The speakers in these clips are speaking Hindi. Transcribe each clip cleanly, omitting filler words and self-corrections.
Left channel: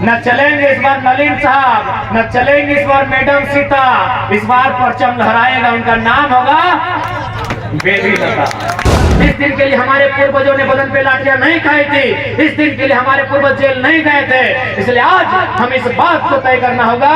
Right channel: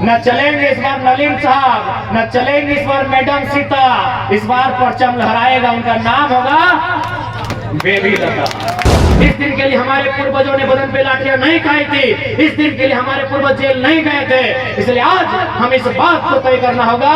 न चलेंगे इस बार नलिन साहब, न चलेंगे इस बार मैडम सीता, इस बार परचम लहराएगा, उनका नाम होगा बेबी लता। इस दिन के लिए हमारे पूर्वजों ने बदन पे लाठियां नहीं खाई थी, इस दिन के लिए हमारे पूर्वज जेल नहीं गए थे। इसलिए आज हमें इस बात को तय करना होगा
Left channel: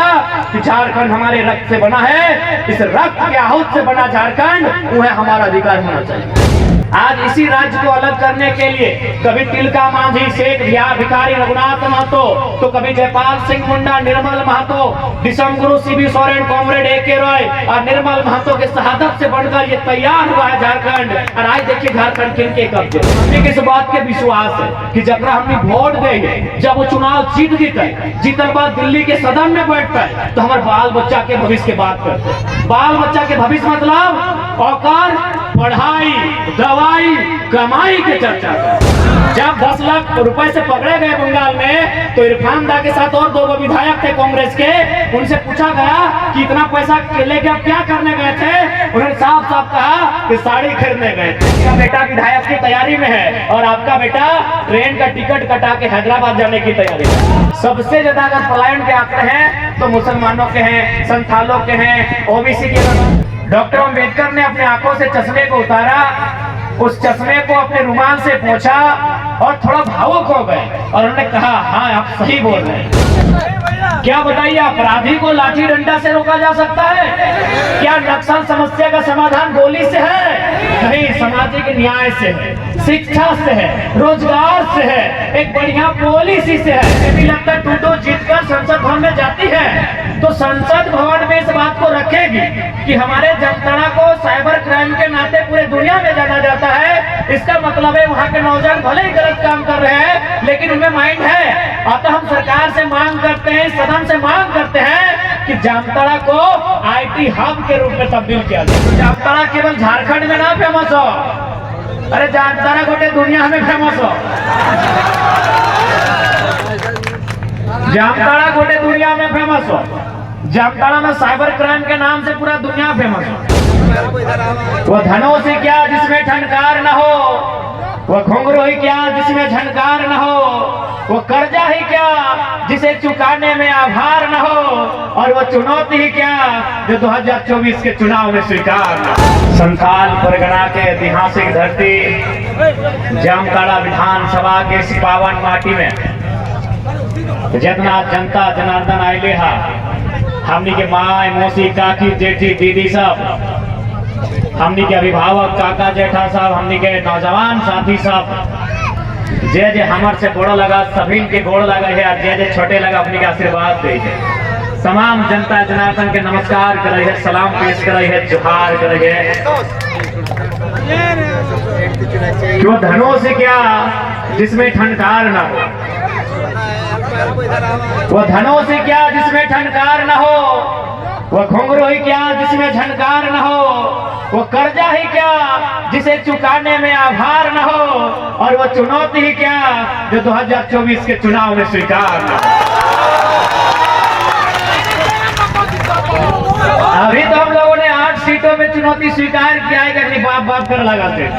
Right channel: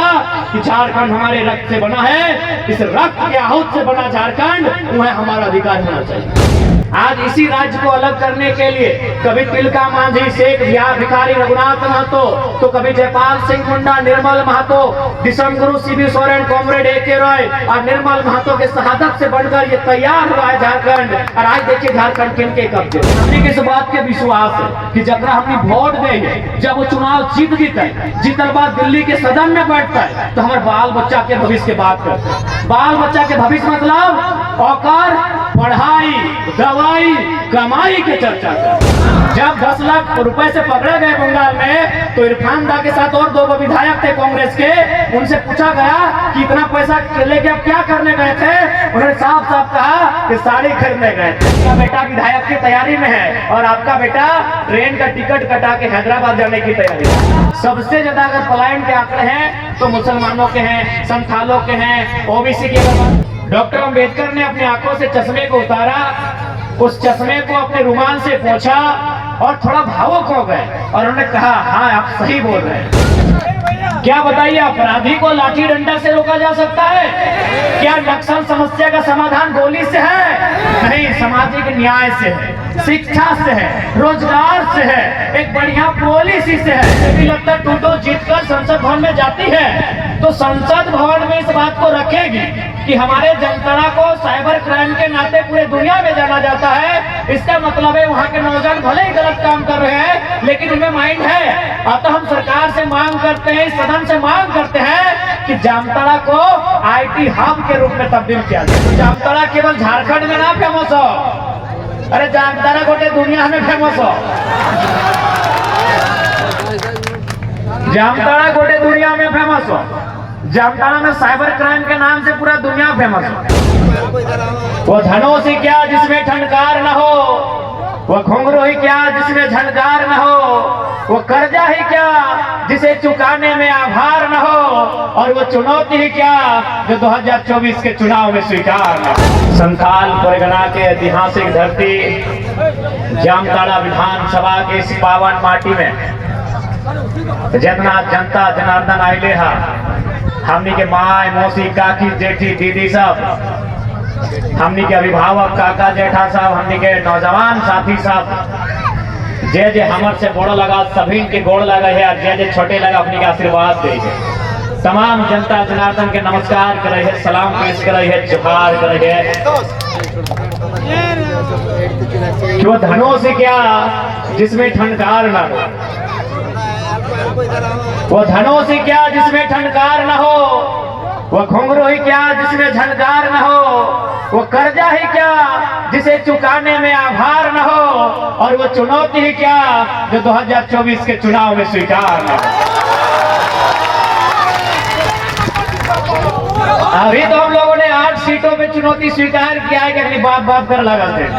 कि झारखंड हमारे रक्त से बना है, इस रक्त के आहूत से बना झारखंड वह हमारा अधिकार होना चाहिए। आज इसी राज्य को अलग करने के लिए कभी तिलका मांझी, शेख भिखारी रघुनाथ महतो, तो कभी जयपाल सिंह मुंडा, निर्मल महतो, दिसम गुरु CB Soren, comrade AK Roy और निर्मल महतो के शहादत से बढ़कर ये तैयार हुआ है झारखंड। और आज देखिए झारखंड किनके कब्जे। हमें किस बात के विश्वास है कि जब हमने वोट देंगे, जब वो चुनाव जीत जीता है, जीतने बाद दिल्ली के सदन में बैठता है, तो हमारे बाल बच्चा के भविष्य की बात करते हैं। बाल बच्चा के भविष्य मतलब औकार, पढ़ाई, दवाई, कमाई की चर्चा है। जब 10 लाख रुपए से पकड़े गए बंगाल में, तो इरफान दा के साथ और 2 विधायक थे कांग्रेस के, उनसे पूछा गया कि इतना पैसा लेके आप क्या करने गए थे? उन्होंने साफ साफ कहा कि साड़ी खरीदने गए थे। आपका बेटा विधायक की तैयारी में है और आपका बेटा ट्रेन का टिकट कटा के हैदराबाद जाने की तैयारी है। सबसे ज्यादा अगर पलायन के आंकड़े हैं तो मुसलमानों के हैं, संथालों के हैं, OBC के। डॉक्टर अम्बेडकर ने अपने आंखों से चश्मे को उतारा, उस चश्मे को अपने रुमाल से पोंछा और थोड़ा भावुक हो गए और उन्होंने कहा, हाँ आप सही बोल रहे हैं। क्या बताइए, अपराधी को लाठी डंडा से रोका जा सकता है? क्या नक्सल समस्या का समाधान गोली से है? नहीं, सामाजिक न्याय से है, शिक्षा से है, रोजगार से है, एक बढ़िया पॉलिसी से है। यदि लगता टूटो जीतकर संसद भवन में जाती है तो संसद भवन में इस बात को रखेगी कि हमारे जामताड़ा को साइबर क्राइम के नाते पूरे दुनिया में जाना जाता है। इसका मतलब है वहाँ के नौजवान भले ही गलत काम कर रहे हैं लेकिन उनमें माइंड है। अतः हम सरकार से मांग करते हैं, सदन से मांग करते हैं कि जामताड़ा को IT हब के रूप में तब्दील किया जाए। तो जामताड़ा केवल झारखंड में ना फेमस हो, अरे जामताड़ा गोटे दुनिया में फेमस हो। जामताड़ा गोटे दुनिया में फेमस हो। जामताड़ा में साइबर क्राइम के नाम से पूरा दुनिया फेमस हो। वो धनों से क्या जिसमें ठनकार न हो, वो घुंघरू ही क्या जिसमें झनकार न हो, वो कर्जा ही क्या जिसे चुकाने में आभार न हो, और वो चुनौती ही क्या जो 2024 के चुनाव में स्वीकार न हो। संथाल परगना के ऐतिहासिक धरती जामताड़ा विधानसभा के इस पावन माटी में जितना जनता जनार्दन आइले हा, हमनी के माय, मौसी, काकी, जेठी, दीदी सब, हमनी के अभिभावक, काका, जेठा सब, हमनी के नौजवान साथी सब, जे जे हमर से गोड़ लगा सभी के गोड़ लगा है और जे जे छोटे लगा अपनी के आशीर्वाद दे है। तमाम जनता जनार्दन के नमस्कार करे है, सलाम पेश करे है, जोहार करे है। क्यों धनों से क्या जिसमें ठनकार न हो, वो धनों से क्या जिसमें ठनकार न हो, वो घुंघरू ही क्या जिसमें झनकार न हो, वो कर्जा ही क्या जिसे चुकाने में आभार न हो, और वो चुनौती ही क्या जो 2024 के चुनाव में स्वीकार न हो। अभी तो हम लोगों ने 8 सीटों में चुनौती स्वीकार किया है कि अपनी बाप बाप कर लगाते हैं।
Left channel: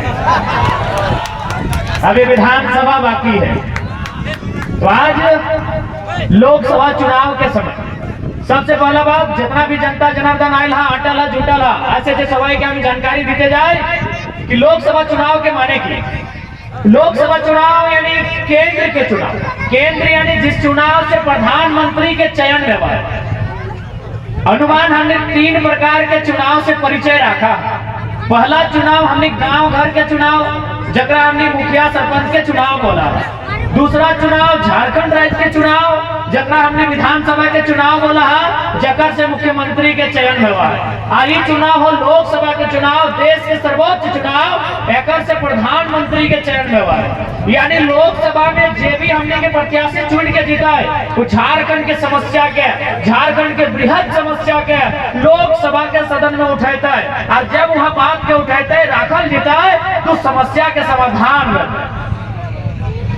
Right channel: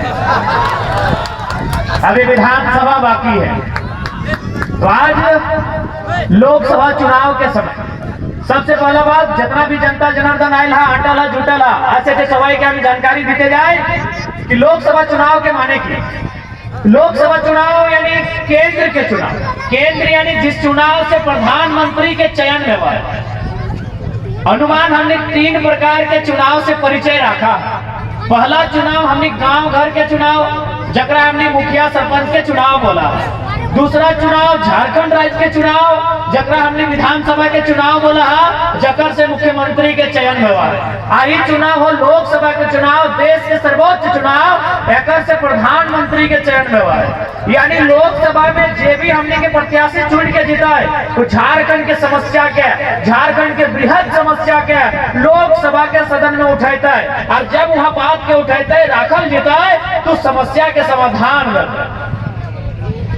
अभी विधानसभा बाकी है। तो आज लोकसभा चुनाव के समय सबसे पहला बात, जितना भी जनता जनार्दन आयल हा, अटला जुटला ऐसे सवाई के हमें जानकारी देते जाए कि लोकसभा चुनाव के माने की। लोकसभा चुनाव यानी केंद्र के चुनाव। केंद्र यानी जिस चुनाव से प्रधानमंत्री के चयन में हुआ। अनुमान हमने 3 प्रकार के चुनाव से परिचय रखा। पहला चुनाव हमने गांव घर के चुनाव, जकरा हमने मुखिया सरपंच के चुनाव बोला। दूसरा चुनाव झारखंड राज्य के चुनाव, जकरा हमने विधानसभा के चुनाव बोला, जकर से मुख्यमंत्री के चयन में हुआ। आई चुनाव हो लोकसभा के चुनाव, देश के सर्वोच्च चुनाव, एकर से प्रधानमंत्री के चयन में हुआ। यानी लोकसभा में जे भी हमने के प्रत्याशी चुन के जीता है, वो झारखंड के समस्या के, झारखंड के बृहद समस्या के लोकसभा के सदन में उठाता है, और जब वहाँ बात के उठाता है, राखल जीता है, तो समस्या के समाधान में।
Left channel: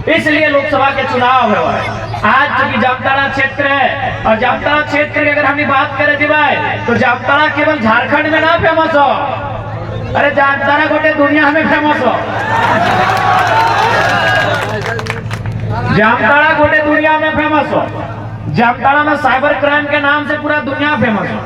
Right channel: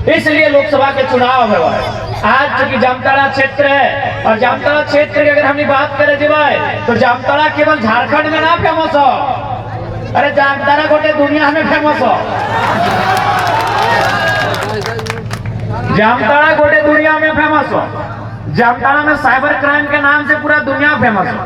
इसलिए लोकसभा के चुनाव हुआ है। आज चूंकि जामताड़ा क्षेत्र है, और जामताड़ा क्षेत्र की अगर हम बात करें जीवाए, तो जामताड़ा केवल झारखंड में ना फेमस हो, अरे जामताड़ा गोटे दुनिया में फेमस हो। जामताड़ा गोटे दुनिया में फेमस हो। जामताड़ा में साइबर क्राइम के नाम से पूरा दुनिया फेमस हो।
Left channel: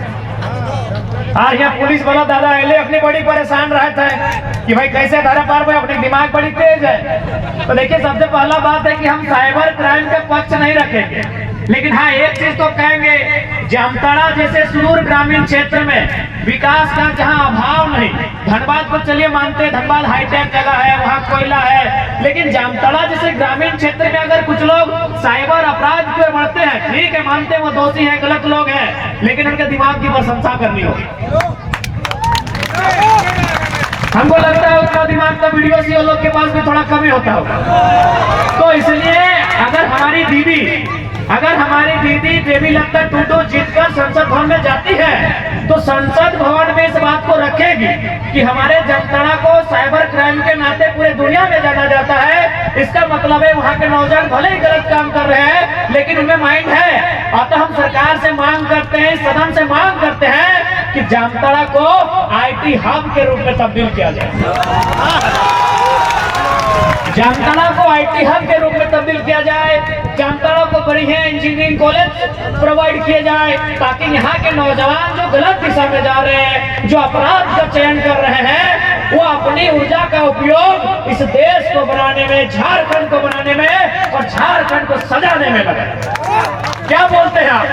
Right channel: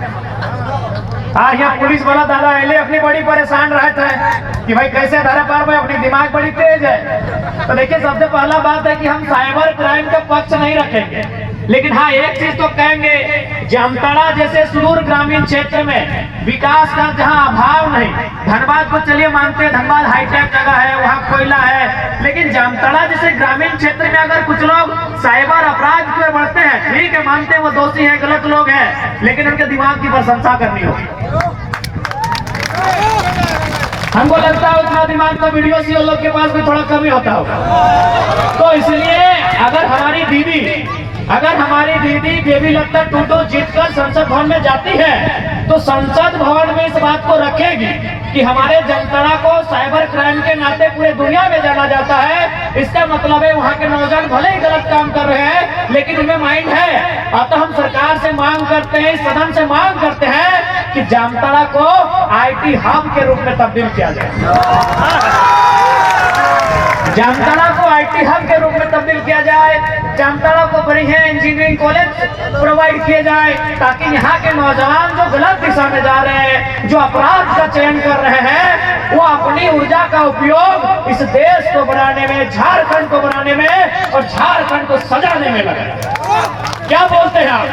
आज यहाँ पुलिस वाला दादा एले अपनी बड़ी परेशान रहता है कि भाई कैसे धारा पार भाई, अपनी दिमाग बड़ी तेज है। तो देखिए, सबसे पहला बात है कि हम साइबर क्राइम का पक्ष नहीं रखेंगे, लेकिन हाँ एक चीज तो कहेंगे, जामताड़ा जैसे सुदूर ग्रामीण क्षेत्र में विकास का जहाँ अभाव नहीं, धनबाद को चलिए मानते हैं, धनबाद हाईटेक जगह है, वहाँ कोयला है, लेकिन जामताड़ा जैसे ग्रामीण क्षेत्र में अगर कुछ लोग साइबर अपराध की ओर बढ़ते हैं, ठीक है मानते हैं वो दोषी है, गलत लोग हैं, लेकिन उनके दिमाग की प्रशंसा करनी होगी। हमको लगता है उतना दिमाग तो वीडियो सी लोग के पास भी थोड़ा कमी होता होगा। तो इसलिए अगर हमारी दीदी देवी लत्ता टूटो जीतकर संसद भवन में जाती है, तो संसद भवन में इस बात को रखेगी कि हमारे जामताड़ा को साइबर क्राइम के नाते पूरे दुनिया में जाना जाता है। इसका मतलब है वहाँ के नौजवान भले ही गलत काम कर रहे हैं, लेकिन उनमें माइंड है। अतः हम सरकार से मांग करते हैं, सदन से मांग करते हैं कि जामताड़ा को IT हब के रूप में तब्दील किया जाए। जामताड़ा को IT हब के रूप में तब्दील किया जाए। जामताड़ा को बढ़िया इंजीनियरिंग कॉलेज प्रोवाइड किया जाए, ताकि यहाँ के नौजवान जो गलत दिशा में जा रहे हैं, जो अपराध का चयन कर रहे हैं, वो अपनी ऊर्जा का उपयोग इस देश को बनाने में, झारखंड को बनाने में और झारखंड को सजाने में लगे। क्या बोलते हैं आप?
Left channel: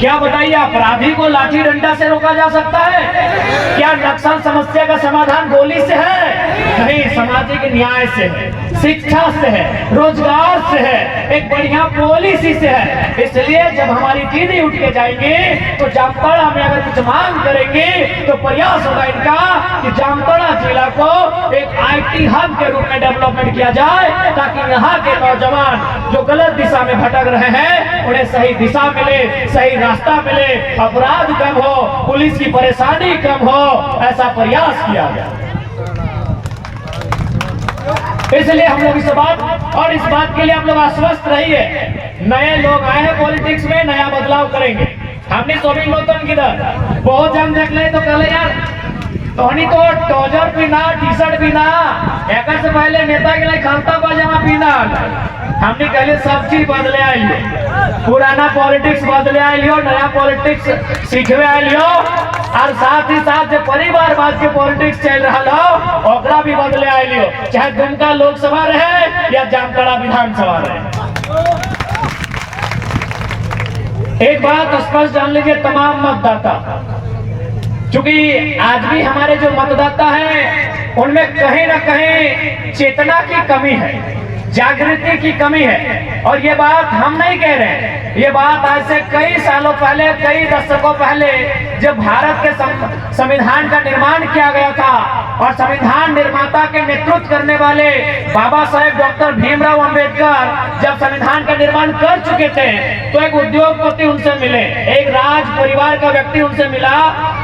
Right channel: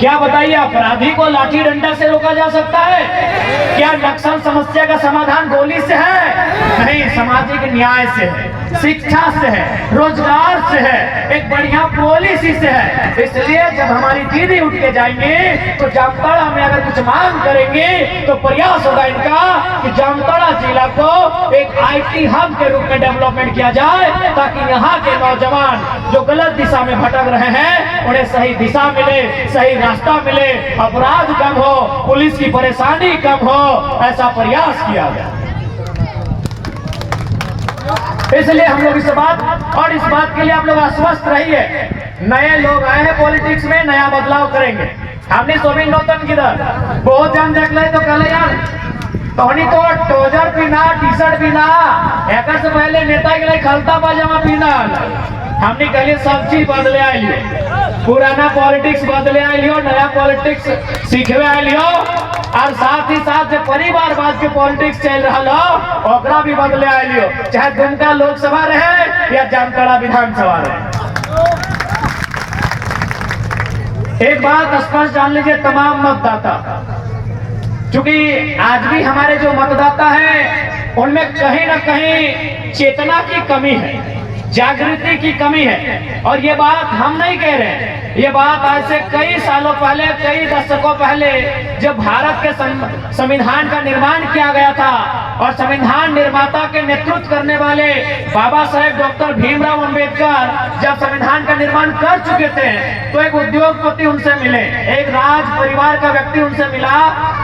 क्या बताइए, अपराधी को लाठी डंडा से रोका जा सकता है? क्या नक्सल समस्या का समाधान गोली से है? नहीं, सामाजिक न्याय से है, शिक्षा से है, रोजगार से है, एक बढ़िया पॉलिसी से है। इसलिए जब हमारी दीदी उठ के जाएंगे तो जामताड़ा में अगर कुछ मांग करेंगे तो प्रयास होगा इनका कि जामताड़ा जिला को एक IT हब के रूप में डेवलपमेंट किया जाए, ताकि यहाँ के नौजवान जो गलत दिशा में भटक रहे हैं उन्हें सही दिशा मिले, सही रास्ता मिले, अपराध कम हो, पुलिस की परेशानी कम हो, ऐसा प्रयास किया गया। इसलिए हम लोग इस बात के लिए आप लोग आश्वस्त रहिए। नए लोग आए हैं पॉलिटिक्स में, नया बदलाव करेंगे। हमने सोबिंग नौतन किधर बहुत जान देख ले तो कल यार तोहनी तो ट्राउजर पीना, टी-शर्ट पीना, एक से पहले नेता के लिए खलता पाजामा पीना। हमने कहले सब चीज बदले आइलियो, पुराना पॉलिटिक्स बदले आइलियो, नया पॉलिटिक्स सीखवे आइलियो, और साथ ही साथ जो परिवारवाद के पॉलिटिक्स चल रहा हो ओकरा भी बदले आइलियो, चाहे दुमका लोकसभा रहे या जामताड़ा विधानसभा रहे। एक बात स्पष्ट जान लीजिए तमाम मतदाता, क्योंकि आज भी हमारे जो मतदाता हैं उनमें कहीं ना कहीं चेतना की कमी है, जागृति की कमी है। और ये बात हम नहीं कह रहे हैं, ये बात आज से कई सालों पहले, कई दशकों पहले जब भारत के संविधान का निर्माण किया गया था और संविधान निर्माता के नेतृत्व करने वाले बाबा साहेब डॉक्टर भीमराव अंबेडकर जब संविधान का निर्माण कर चुके थे, तो एक उद्योगपति उनसे मिले, एक राज परिवार का व्यक्ति उनसे मिला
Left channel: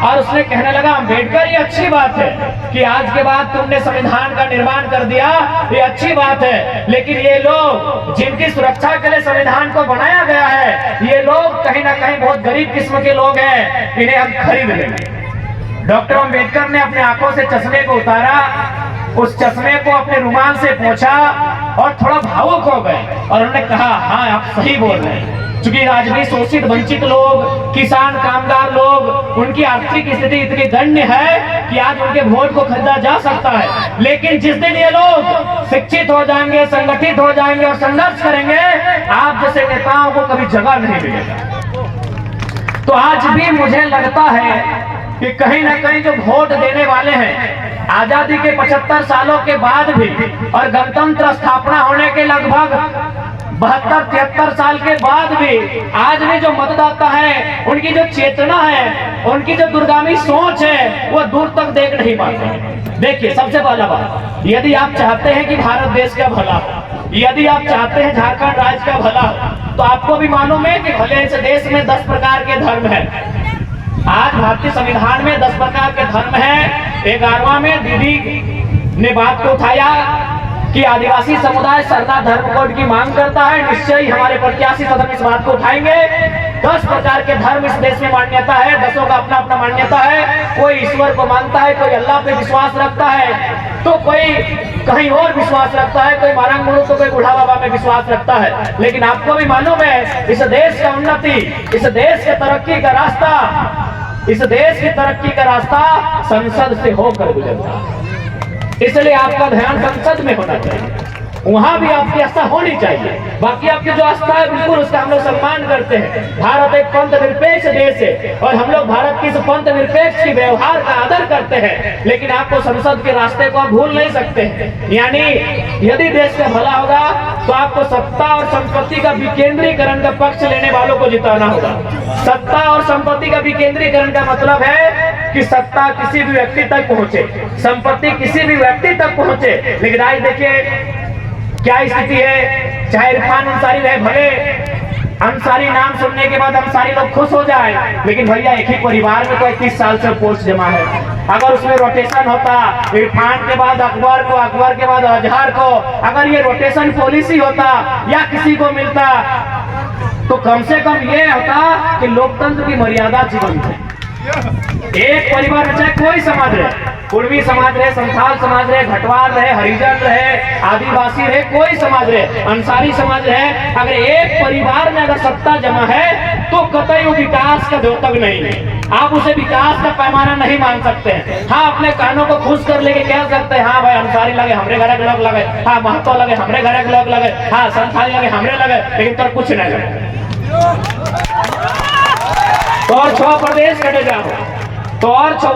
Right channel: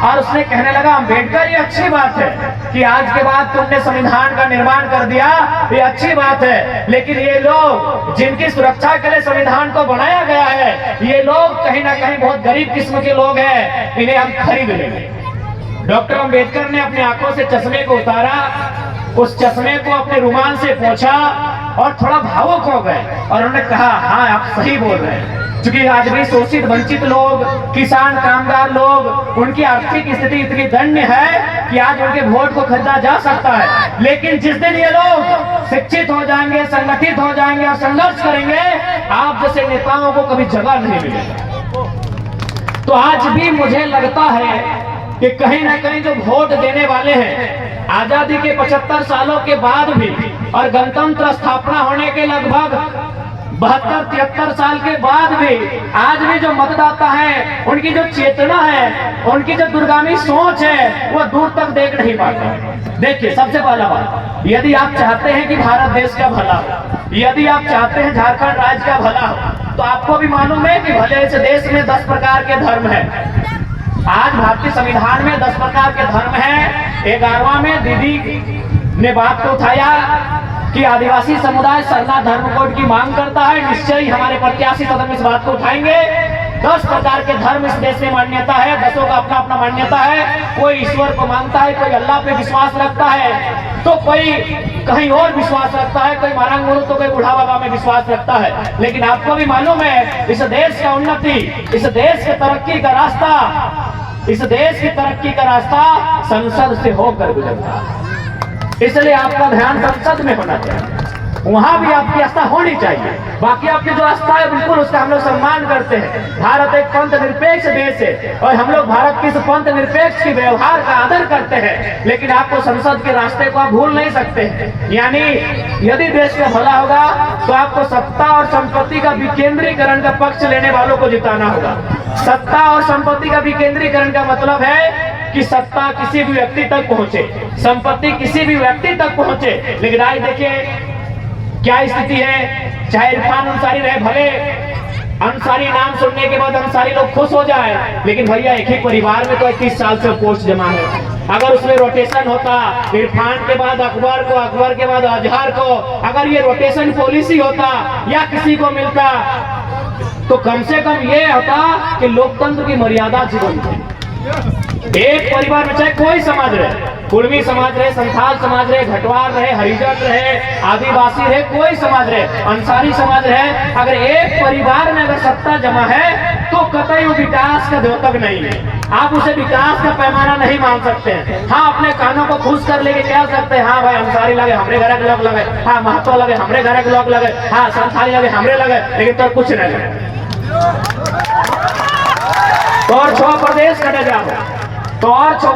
और उसने कहने लगा, अंबेडकर ये अच्छी बात है कि आज के बाद तुमने संविधान का निर्माण कर दिया, ये अच्छी बात है, लेकिन ये लोग जिनकी सुरक्षा के लिए संविधान को बनाया गया है, ये लोग कहीं ना कहीं बहुत गरीब किस्म के लोग हैं, इन्हें हम खरीद लेंगे। डॉक्टर अंबेडकर ने अपने आंखों से चश्मे को उतारा, उस चश्मे को अपने रुमाल से पोंछा और थोड़ा भावुक हो गए और उन्होंने कहा, हाँ आप सही बोल रहे हैं, क्योंकि आज भी शोषित वंचित लोग, किसान कामगार लोग, उनकी आर्थिक स्थिति इतनी दयनीय है कि आज उनके वोट को खरीदा जा सकता है, लेकिन जिस दिन ये लोग शिक्षित हो जाएंगे, संगठित हो जाएंगे और संघर्ष करेंगे, आप जैसे नेताओं को कभी जगह नहीं मिलेगा। तो आज भी मुझे लगता है कि कहीं ना कहीं जो वोट देने वाले हैं, आजादी के 75 सालों के बाद भी और गणतंत्र स्थापना होने के लगभग 72-73 साल के बाद भी आज भी जो मतदाता है, उनकी जो चेतना है, उनकी जो दूरगामी सोच है, वो दूर तक देख नहीं पाते। देखिए, सबसे पहला बात, यदि आप चाहते हैं कि भारत देश का भला हो, यदि आप चाहते हैं झारखंड राज्य का भला हो, तो आपको भी मालूम है कि भले इस देश में 10 प्रकार के धर्म है। आज भारतीय संविधान में 10 प्रकार के धर्म है। 11वां में दीदी ने बात को उठाया कि आदिवासी समुदाय सरना धर्म कोड की मांग करता है। निश्चय ही हमारे प्रत्याशी सदन इस बात को उठाएंगे 10 प्रकार के धर्म इस देश में मान्यता है, 10 का अपना अपना मान्यता है। कोई ईश्वर को मानता है, कोई अल्लाह पे विश्वास रखता है, तो कोई कहीं और विश्वास रखता है, कोई मारंग मुरु तो कोई बूढ़ा बाबा में विश्वास रखता है। लेकिन आपको भी मालूम है, इस देश का उन्नति, इस देश के तरक्की का रास्ता, इस देश की तरक्की का रास्ता संसद से होकर गुजरता है। इसलिए आपका ध्यान संसद में होना चाहिए, वहां भी आपकी आस्था होनी चाहिए। बाकी आपकी जो आस्था है बिल्कुल उसका हम लोग सम्मान करते हैं। भारत एक पंथ निरपेक्ष देश है और हम लोग भारत की इस पंथ निरपेक्ष की व्यवहार का आदर करते हैं। लेकिन आपको संसद के रास्ते को आप भूल नहीं सकते हैं। यानी यदि देश का भला होगा तो आपको सत्ता और संपत्ति का विकेंद्रीकरण का पक्ष लेने वालों को जिताना होगा। सत्ता और संपत्ति का विकेंद्रीकरण का मतलब है कि सत्ता किसी भी व्यक्ति तक पहुंचे, संपत्ति किसी भी व्यक्ति तक पहुंचे। लेकिन आज देखिए क्या स्थिति है, चाहे इरफान अंसारी रहे, भले अंसारी नाम सुनने के बाद अंसारी लोग खुश हो जाए, लेकिन भैया एक ही परिवार में तो 31 साल से पोस्ट जमा है। अगर उसमें रोटेशन होता, इरफान के बाद अकबर को, अकबर के बाद अजहर को, अगर ये रोटेशन पॉलिसी होता या किसी को मिलता तो कम से कम ये होता कि लोकतंत्र की मर्यादा जीवंत है। एक परिवार में चाहे कोई समाज रहे, कुर्मी समाज रहे, संथाल समाज रहे, घटवार रहे, हरिजन रहे, आदिवासी रहे, कोई समाज रहे, अंसारी समाज रहे, अगर एक परिवार में अगर सत्ता जमा है तो कतई वो विकास का द्योतक नहीं है। आप उसे विकास का पैमाना नहीं मान सकते हैं। हाँ, अपने कानों को खुश कर लेके कह सकते हैं, हाँ भाई अंसारी लगे हमरे घर के लोग लगे, हाँ महतो लगे हमरे घर के लोग लगे, हाँ संथाली लगे हमरे लगे, लेकिन तो कुछ नहीं लगे। तो और 6 प्रदेश कटे जाओ तो और 6।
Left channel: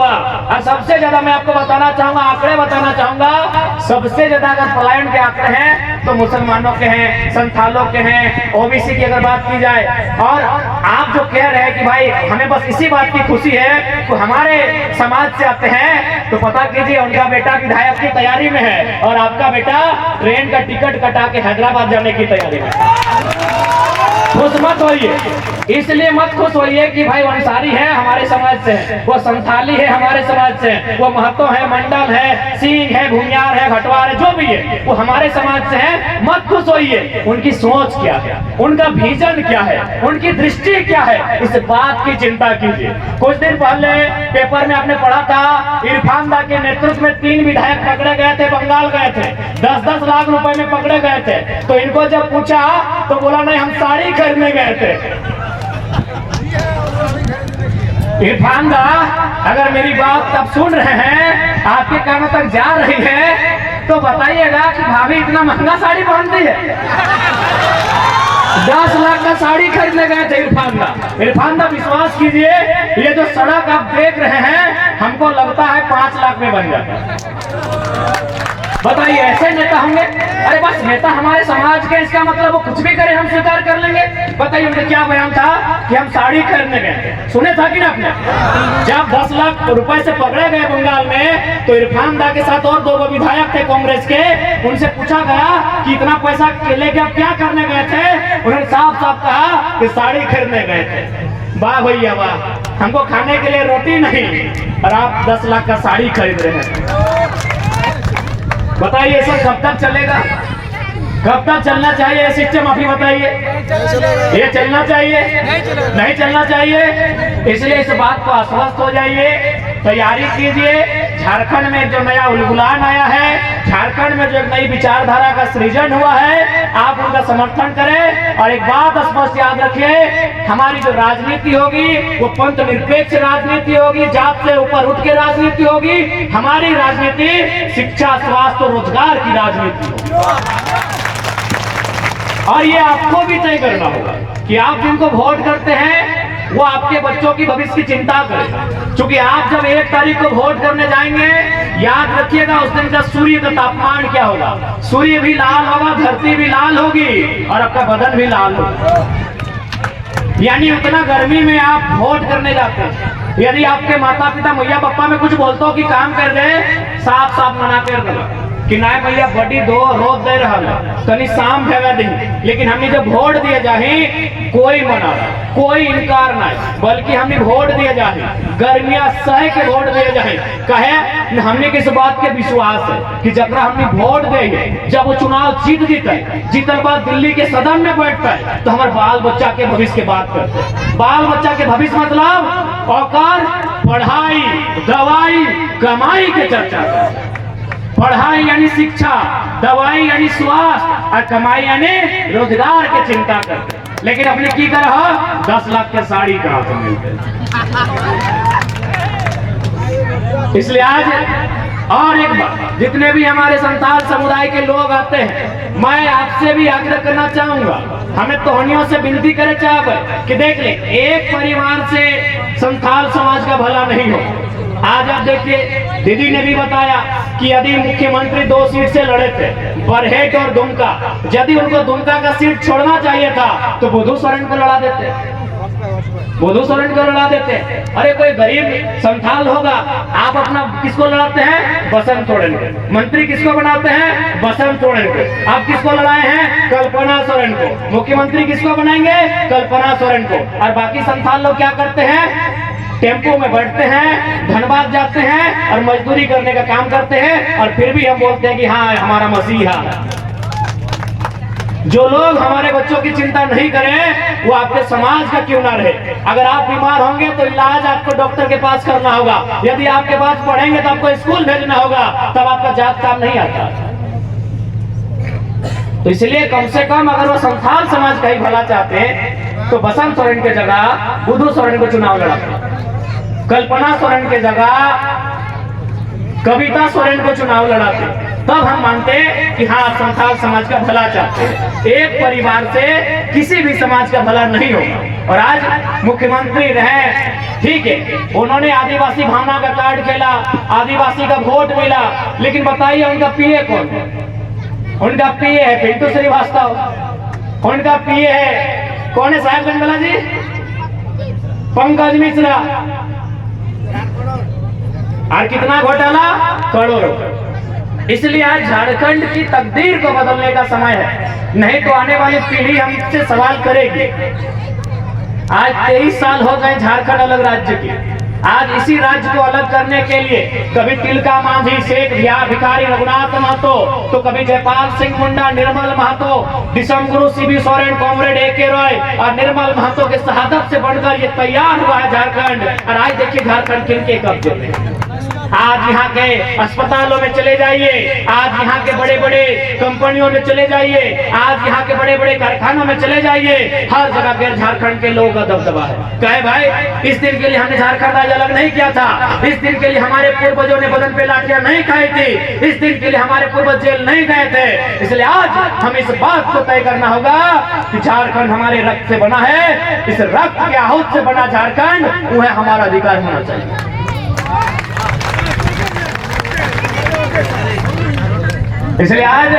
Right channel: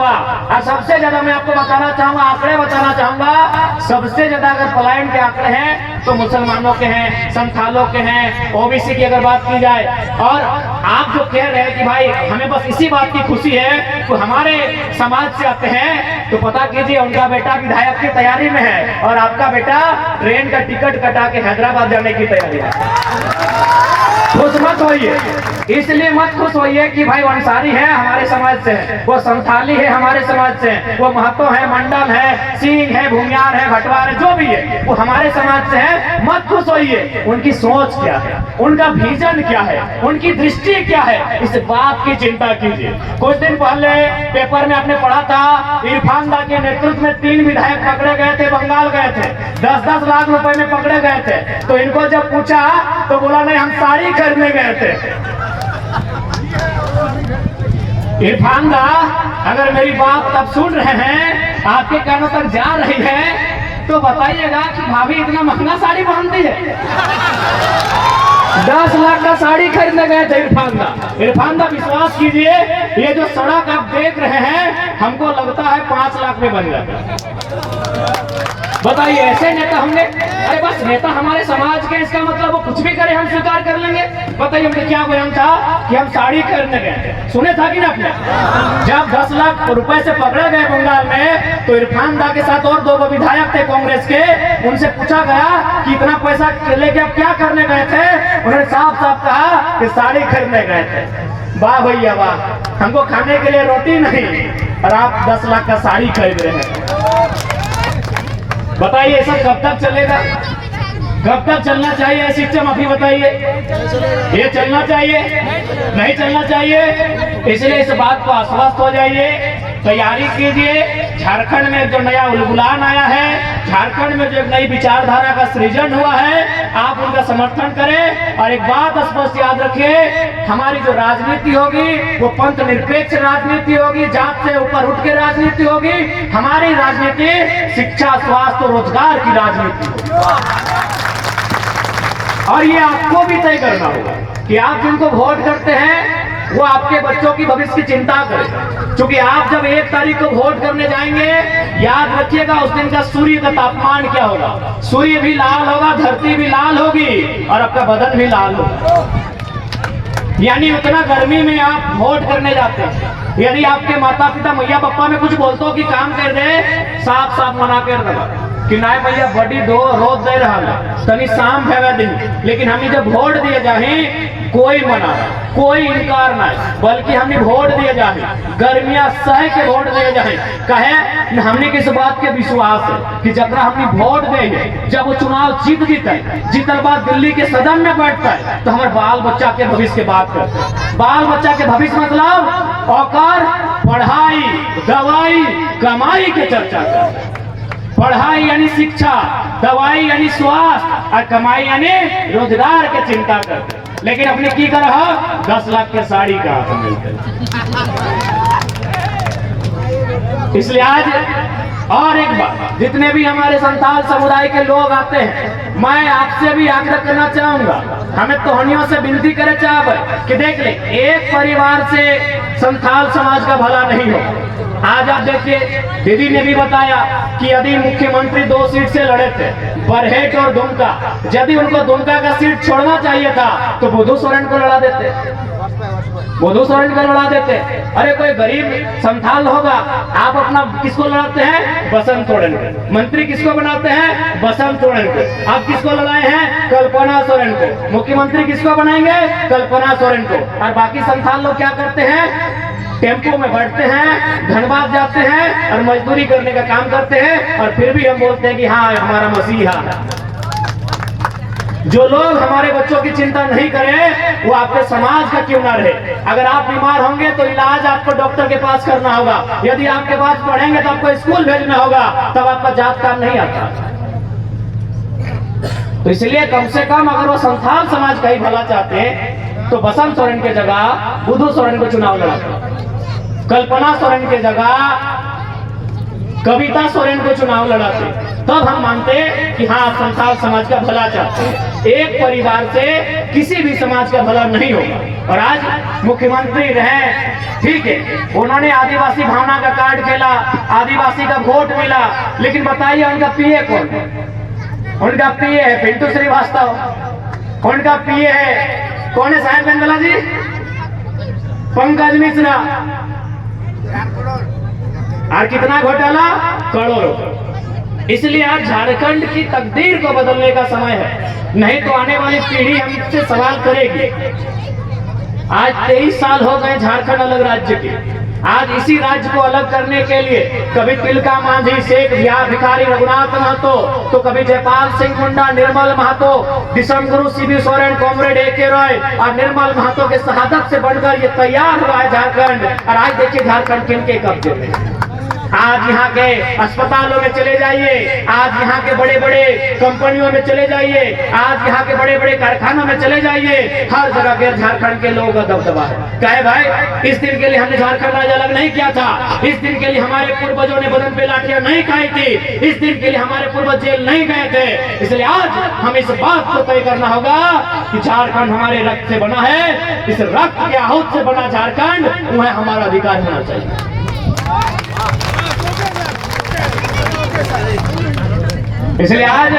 और सबसे ज्यादा मैं आपको बताना चाहूंगा, आंकड़े बताना चाहूंगा, सबसे ज्यादा अगर पलायन के आंकड़े हैं तो मुसलमानों के हैं, संथालों के हैं, ओबीसी की अगर बात की जाए। और आप जो कह रहे हैं कि भाई हमें बस इसी बात की खुशी है तो हमारे समाज से आते हैं, तो पता कीजिए उनका बेटा विधायक की तैयारी में है और आपका बेटा ट्रेन का टिकट कटा के हैदराबाद जाने की तैयारी में है। खुश मत होइए, इसलिए मत खुश होइए कि भाई अंसारी है हमारे समाज से, वो संथाली है हमारे समाज से, वो महतो है, मंडल है, सिंह है, भूमियार है, घटवार है, जो भी है वो हमारे समाज से है। मत खुश होइए, उनकी सोच क्या है, उनका विजन क्या है, उनकी दृष्टि क्या है, इस बात की चिंता कीजिए। कुछ दिन पहले पेपर में आपने पढ़ा था, इरफान दा के नेतृत्व में 3 विधायक पकड़े गए थे, बंगाल गए थे, 10-10 लाख रुपए में पकड़े गए थे। तो इनको जब पूछा तो बोला नहीं हम साड़ी खरीदने गए थे। इरफान दा अगर मेरी बात तब सुन रहे हैं, आपके कानों तक जा रही है, तो बताइएगा कि भाभी इतना महंगा साड़ी पहनती है। 10 लाख का साड़ी खरीदने गए थे इरफान दा। इरफान दा विश्वास कीजिए, ये जो सड़क आप देख रहे हैं हमको लगता है 5 लाख में बन जाता। बताइए ऐसे नेता होंगे? अरे बस नेता हमारे समाज के, इसका मतलब वो कुछ भी करे हम स्वीकार कर लेंगे। बताइए उनका क्या बयान था कि हम साड़ी खरीदने गए, सुने था कि ना आपने? जब 10 लाख रुपए से पकड़े गए बंगाल में, तो इरफान दा के साथ और 2 विधायक थे कांग्रेस के, उनसे पूछा गया कि इतना पैसा लेके आप क्या करने गए थे? उन्होंने साफ साफ कहा कि साड़ी खरीदने गए थे। वाह भैया वाह, हमको खाने के लिए रोटी नहीं और आप 10 लाख का साड़ी खरीद रहे हैं। बताइए सब कब तक चलेगा? कब तक चलना चाहिए ये सिस्टम, आप ही बताइए। ये चलना चाहिए? नहीं चलना चाहिए। इसलिए इस बात को आश्वस्त हो जाइए, तैयारी कीजिए। झारखंड में जो नया उलगुलान आया है, झारखंड में जो एक नई विचारधारा का सृजन हुआ है, आप उनका समर्थन करें। और एक बात स्पष्ट याद रखिए, हमारी जो राजनीति होगी वो पंथ निरपेक्ष राजनीति होगी, जात से ऊपर उठ के राजनीति होगी। हमारी राजनीति शिक्षा, स्वास्थ्य और रोजगार की राजनीति होगी। और ये आपको भी तय करना होगा कि आप जिनको वोट करते हैं वो आपके बच्चों की भविष्य की चिंता करें। क्योंकि आप जब 1 तारीख को वोट करने जाएंगे, याद रखिएगा उस दिन का सूर्य का तापमान क्या होगा। सूर्य भी लाल होगा, धरती भी लाल होगी और आपका बदन भी लाल होगा। यानी उतना गर्मी में आप वोट करने जाते हैं। यदि आपके माता पिता मैया पापा में कुछ बोलते हो कि काम कर दे, साफ साफ मना कर दो। कि ना भैया बड़ी दो रोज दे रहा है तनी शाम भेगा दिन, लेकिन हमने जब वोट दिए जाए कोई मना कोई इनकार नहीं, बल्कि हमने वोट दिए जाए गर्मिया सह के वोट दिए जाए। कहे हमने किस बात के विश्वास है कि जब हमने वोट देंगे, जब वो चुनाव जीतल बाद दिल्ली के सदन में बैठता है तो हमारे बाल बच्चा के भविष्य की बात करते हैं। बाल बच्चा के भविष्य मतलब औकार पढ़ाई दवाई कमाई के चर्चा करते हैं। पढ़ाई यानी शिक्षा, दवाई यानी स्वास्थ्य और कमाई यानी रोजगार के चिंता करते। लेकिन अपने की कर 10 लाख के साड़ी कहां से मिलते। इसलिए आज और एक बात, जितने भी हमारे संथाल समुदाय के लोग आते हैं, मैं आपसे भी आग्रह करना चाहूंगा, हमें तोहनियों से विनती करे चाहे कि देख ले, एक परिवार से संथाल समाज का भला नहीं हो। आज आप देखिए, दीदी ने भी बताया कि यदि मुख्यमंत्री 2 सीट से लड़े थे, बरहेट और दुमका, यदि उनको दुमका का सीट छोड़ना चाहिए था तो बुधू सोरेन को लड़ा देते, बुधू सोरेन को लड़ा देते। अरे कोई गरीब संथाल होगा, आप अपना किसको लड़ाते हैं? बसंत सोरेन को। मंत्री किसको बनाते हैं? बसंत सोरेन को। आप किसको लड़ाए हैं? कल्पना सोरेन को। मुख्यमंत्री किसको बनाएंगे? कल्पना सोरेन को। और बाकी संथाल लोग क्या करते हैं? टेम्पो में बैठते हैं, धनबाद जाते हैं और मजदूरी करने का काम करते हैं, और फिर भी हम बोलते हैं कि हाँ हमारा मसीहा। जो लोग हमारे बच्चों की चिंता नहीं करें वो आपके समाज का क्यों ना रहे। अगर आप बीमार होंगे तो इलाज आपको डॉक्टर के पास करना होगा, यदि आपके पास पढ़ेंगे तो आपको स्कूल भेजना होगा, तब आपका जात काम नहीं आता। तो इसलिए कम से कम अगर वो संथाल समाज का ही भला चाहते हैं तो बसंत सोरेन के जगह बुधू सोरेन को चुनाव लड़ाते, कल्पना सोरेन के जगह कविता सोरेन को चुनाव लड़ाते, तब हम मानते कि हाँ संथाल समाज का भला चाहते हैं। एक परिवार से किसी भी समाज का भला नहीं होगा। और आज मुख्यमंत्री रहे, ठीक है, उन्होंने आदिवासी भावना का कार्ड खेला, आदिवासी का वोट मिला, लेकिन बताइए उनका पीए कौन? उनका पीए है पिंटू श्रीवास्तव, उनका पीए है कौन है? साहेब गंदला जी, पंकज मिश्रा। और कितना घोटाला? करोड़ों। इसलिए आज झारखंड की तकदीर को बदलने का समय है, नहीं तो आने वाली पीढ़ी हमसे सवाल करेगी। आज 23 साल हो गए झारखंड अलग राज्य की। आज इसी राज्य को अलग करने के लिए कभी तिलका मांझी, शेख भिखारी रघुनाथ महतो, तो कभी जयपाल सिंह मुंडा, निर्मल महतो, दिसंगुरु सीबी सोरेन, कॉमरेड AK रॉय और निर्मल महतो के शहादत से बढ़कर ये तैयार हुआ है झारखंड। और आज देखिए झारखंड किनके कब्जे में। आज यहाँ के अस्पतालों में चले जाइए, आज यहाँ के बड़े बड़े कंपनियों में चले जाइए, आज यहाँ के बड़े बड़े कारखानों में चले जाइए, हर जगह के झारखंड के लोगों का दबदबा है। कहे भाई इस दिन के लिए हमने झारखंड राज्य अलग नहीं किया था, इस दिन के लिए हमारे पूर्वजों ने बदन पे लाठियां नहीं खाई थी, इस दिन के लिए हमारे पूर्वज जेल नहीं गए थे। इसलिए आज हम इस बात को तय करना होगा कि झारखंड हमारे रक्त से बना है, इस रक्त के आहूत से बना झारखंड वह हमारा अधिकार होना चाहिए। इसलिए आज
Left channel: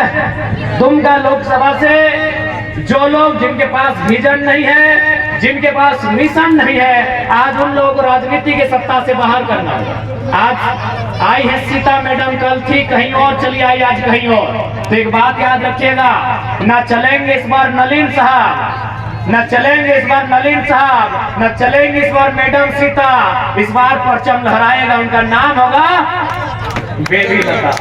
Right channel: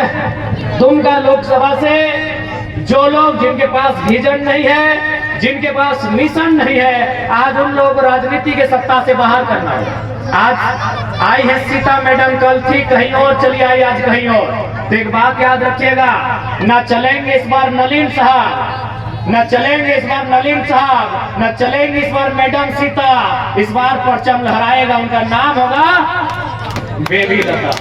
दुमका लोकसभा से जो लोग जिनके पास विजन नहीं है, जिनके पास मिशन नहीं है, आज उन लोगों को राजनीति के सत्ता से बाहर करना होगा। आज आई है सीता मैडम, कल थी कहीं और चली आई, आज कहीं और। तो एक बात याद रखिएगा, ना चलेंगे इस बार नलिन साहब, न चलेंगे इस बार नलिन साहब, न चलेंगे इस बार मैडम सीता, इस बार परचम लहराएगा, उनका नाम होगा बेबी लता।